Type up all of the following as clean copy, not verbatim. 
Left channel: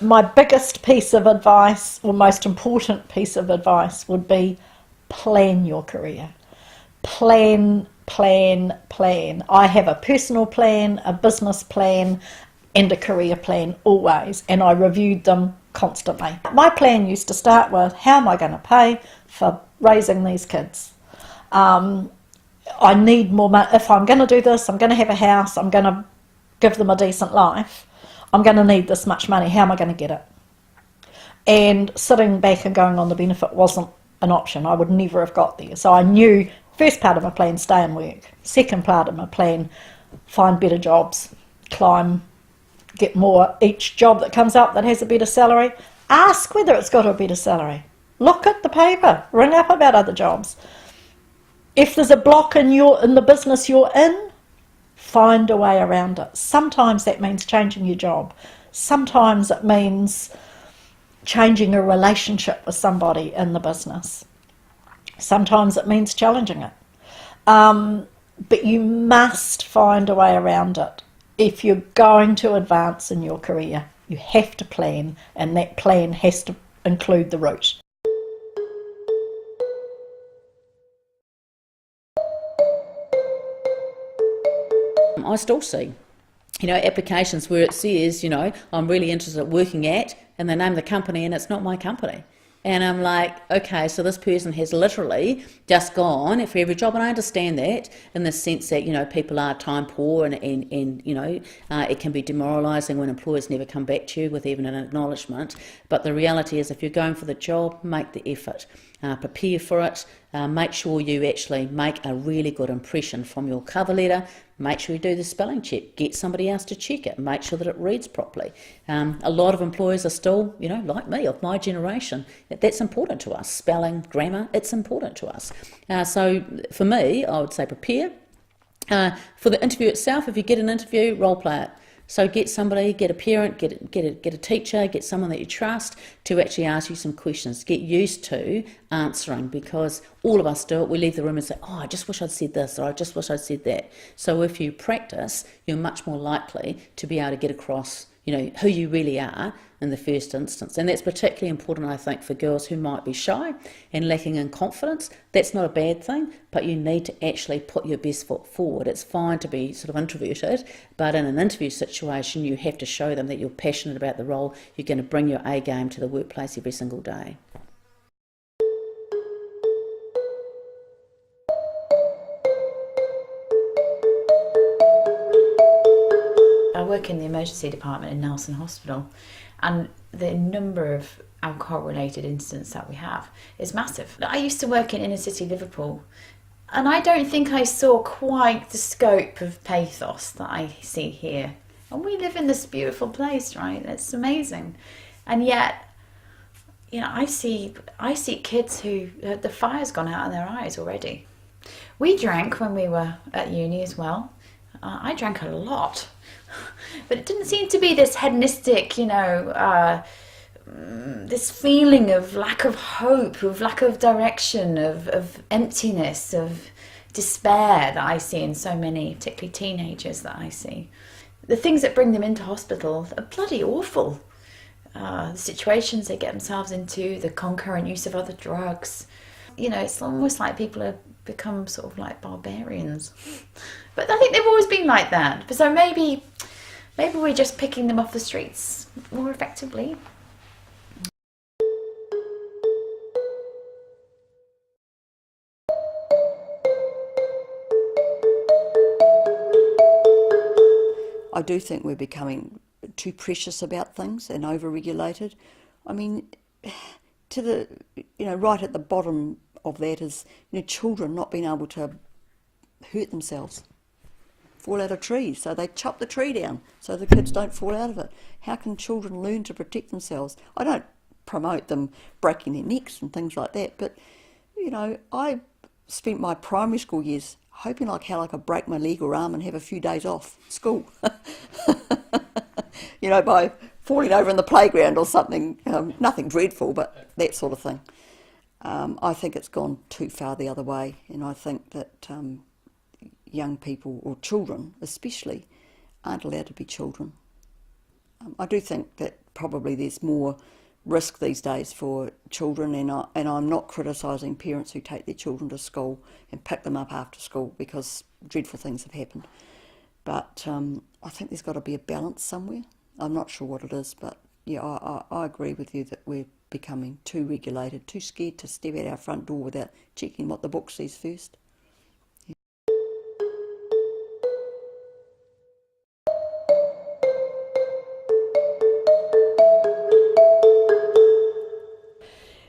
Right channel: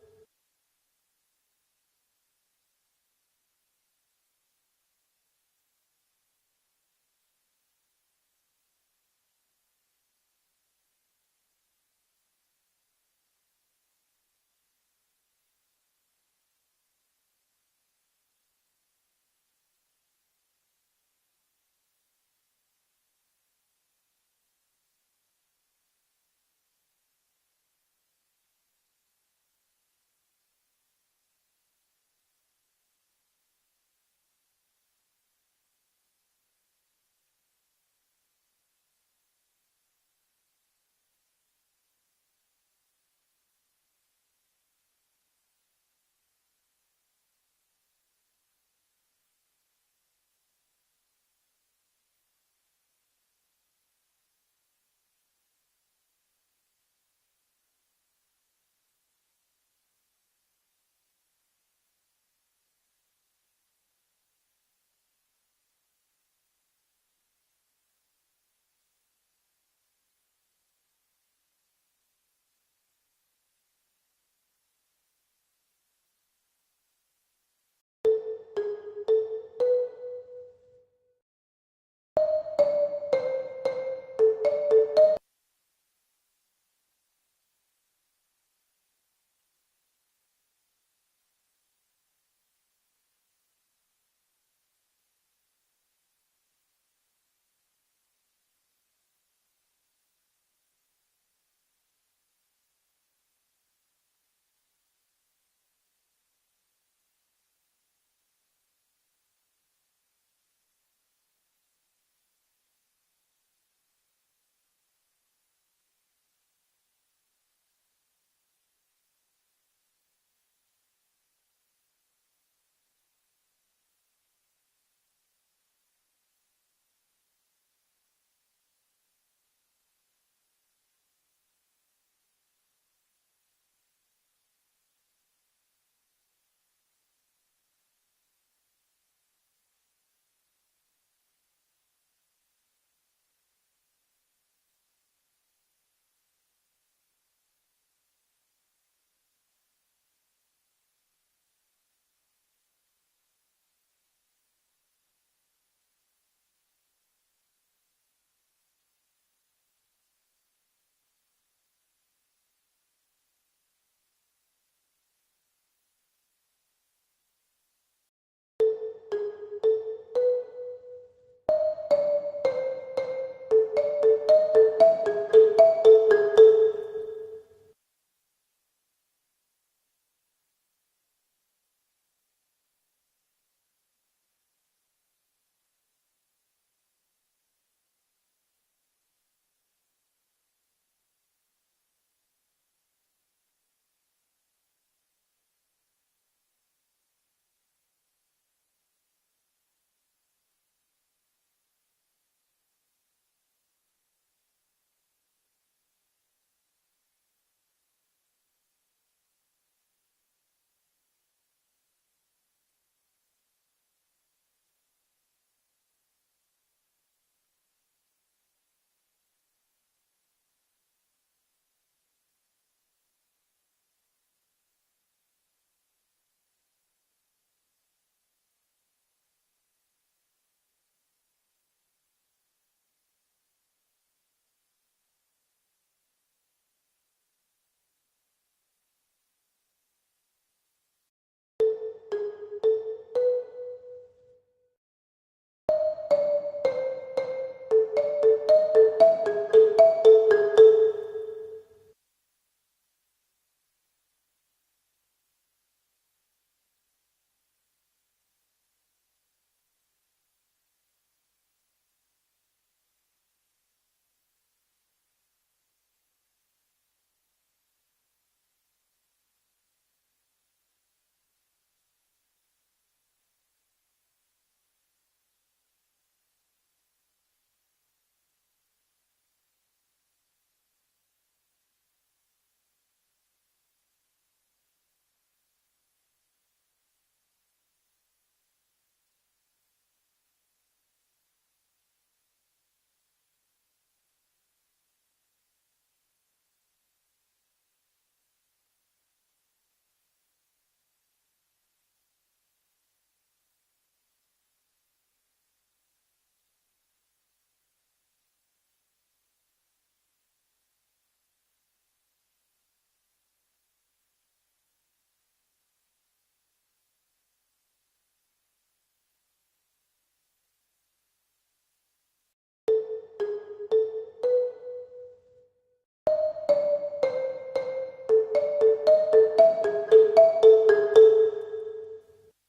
My biggest piece of advice, or most important piece of advice, would be plan your career. Plan, plan, plan. I have a personal plan, a business plan, and a career plan always, and I reviewed them constantly. My plan used to start with, how am I going to pay for raising these kids? I need more money. If I'm going to do this, I'm going to have a house, I'm going to give them a decent life, I'm going to need this much money. How am I going to get it? And sitting back and going on the benefit wasn't an option. I would never have got there. So I knew, first part of my plan, stay and work. Second part of my plan, find better jobs, climb, get more each job that comes up that has a better salary. Ask whether it's got a better salary. Look at the paper, ring up about other jobs. If there's a block in the business you're in, find a way around it. Sometimes that means changing your job. Sometimes it means changing a relationship with somebody in the business. Sometimes it means challenging it. But you must find a way around it. If you're going to advance in your career, you have to plan, and that plan has to include the route. I still see, applications where it says, I'm really interested in working at, and they name the company and it's not my company. And I'm like, okay, so this person has literally just gone for every job. And I understand that in the sense that, people are time poor and it can be demoralising when employers never come back to you with even an acknowledgement. But the reality is if you're going for the job, make the effort. Prepare for it. Make sure you actually make a really good impression from your cover letter. Make sure you do the spelling check. Get somebody else to check it. Make sure that it reads properly. A lot of employers are still, like me, of my generation. That's important to us. Spelling, grammar, it's important to us. So for me, I would say prepare. For the interview itself, if you get an interview, role play it. So get somebody, get a parent, get a teacher, get someone that you trust to actually ask you some questions. Get used to answering, because all of us do it. We leave the room and say, oh, I just wish I'd said this, or I just wish I'd said that. So if you practice, you're much more likely to be able to get across, who you really are in the first instance. And that's particularly important, I think, for girls who might be shy and lacking in confidence. That's not a bad thing, but you need to actually put your best foot forward. It's fine to be sort of introverted, but in an interview situation, you have to show them that you're passionate about the role. You're going to bring your A game to the workplace every single day. I work in the emergency department in Nelson Hospital, and the number of alcohol-related incidents that we have is massive. I used to work in inner city Liverpool, and I don't think I saw quite the scope of pathos that I see here. And we live in this beautiful place, right? It's amazing. And yet, I see kids who the fire's gone out in their eyes already. We drank when we were at uni as well. I drank a lot. But it didn't seem to be this hedonistic, this feeling of lack of hope, of lack of direction, of emptiness, of despair that I see in so many, particularly teenagers that I see. The things that bring them into hospital are bloody awful. The situations they get themselves into, the concurrent use of other drugs. It's almost like people have become sort of like barbarians. But I think they've always been like that. So maybe we're just picking them off the streets more effectively. I do think we're becoming too precious about things and over-regulated. I mean, right at the bottom of that is, children not being able to hurt themselves, fall out of trees. So they chop the tree down so the kids don't fall out of it. How can children learn to protect themselves? I don't promote them breaking their necks and things like that, but, I spent my primary school years hoping like hell I could break my leg or arm and have a few days off school. By falling over in the playground or something. Nothing dreadful, but that sort of thing. I think it's gone too far the other way, and I think that young people, or children especially, aren't allowed to be children. I do think that probably there's more risk these days for children, and I'm not criticising parents who take their children to school and pick them up after school, because dreadful things have happened. But I think there's got to be a balance somewhere. I'm not sure what it is, but yeah, I agree with you that we're becoming too regulated, too scared to step out our front door without checking what the book says first.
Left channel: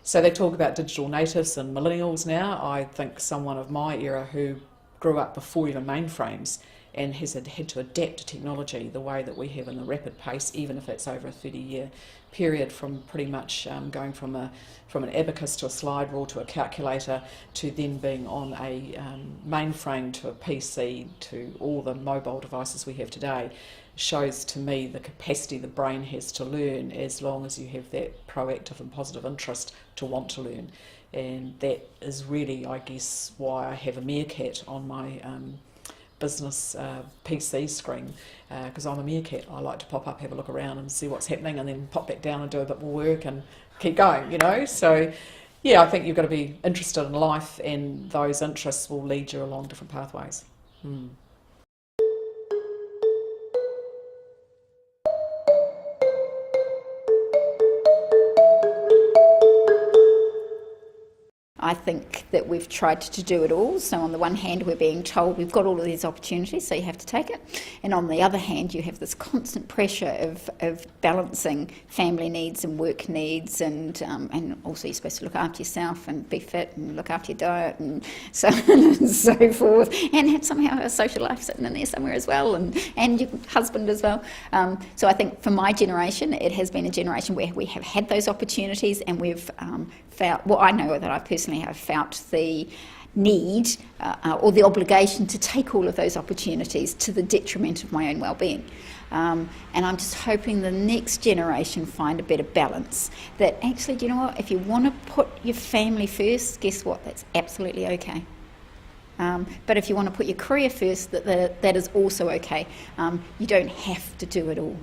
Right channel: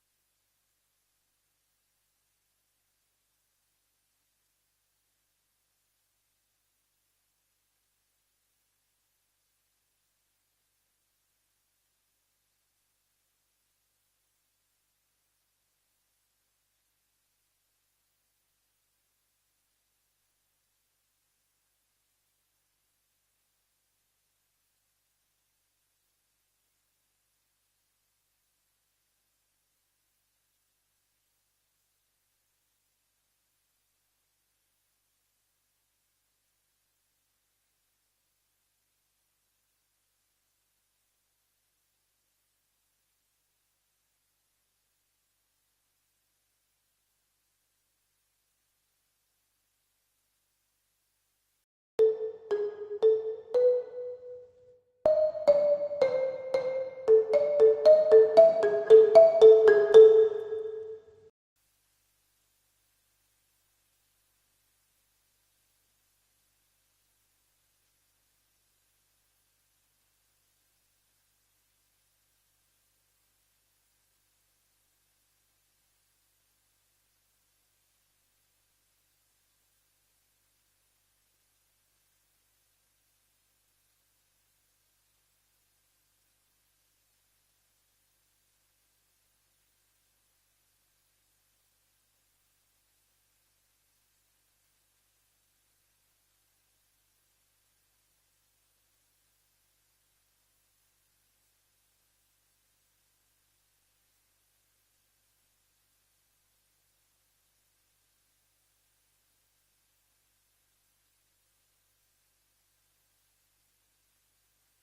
So they talk about digital natives and millennials now. I think someone of my era who grew up before even mainframes and has had to adapt to technology the way that we have in the rapid pace, even if it's over a 30-year period, from pretty much going from an abacus to a slide rule to a calculator to then being on a mainframe to a PC to all the mobile devices we have today, shows to me the capacity the brain has to learn, as long as you have that proactive and positive interest to want to learn. And that is really, I guess, why I have a meerkat on my business PC screen, because I'm a meerkat. I like to pop up, have a look around and see what's happening, and then pop back down and do a bit more work and keep going, you know. So yeah, I think you've got to be interested in life, and those interests will lead you along different pathways. I think that we've tried to do it all. So on the one hand, we're being told we've got all of these opportunities, so you have to take it. And on the other hand, you have this constant pressure of balancing family needs and work needs, and also you're supposed to look after yourself and be fit and look after your diet and so on and so forth, and have somehow a social life sitting in there somewhere as well, and your husband as well. So I think for my generation, it has been a generation where we have had those opportunities, and we've I know that I personally have felt the need or the obligation to take all of those opportunities to the detriment of my own well-being. And I'm just hoping the next generation find a better balance. That actually, do you know what? If you want to put your family first, guess what? That's absolutely okay. But if you want to put your career first, that is also okay. You don't have to do it all.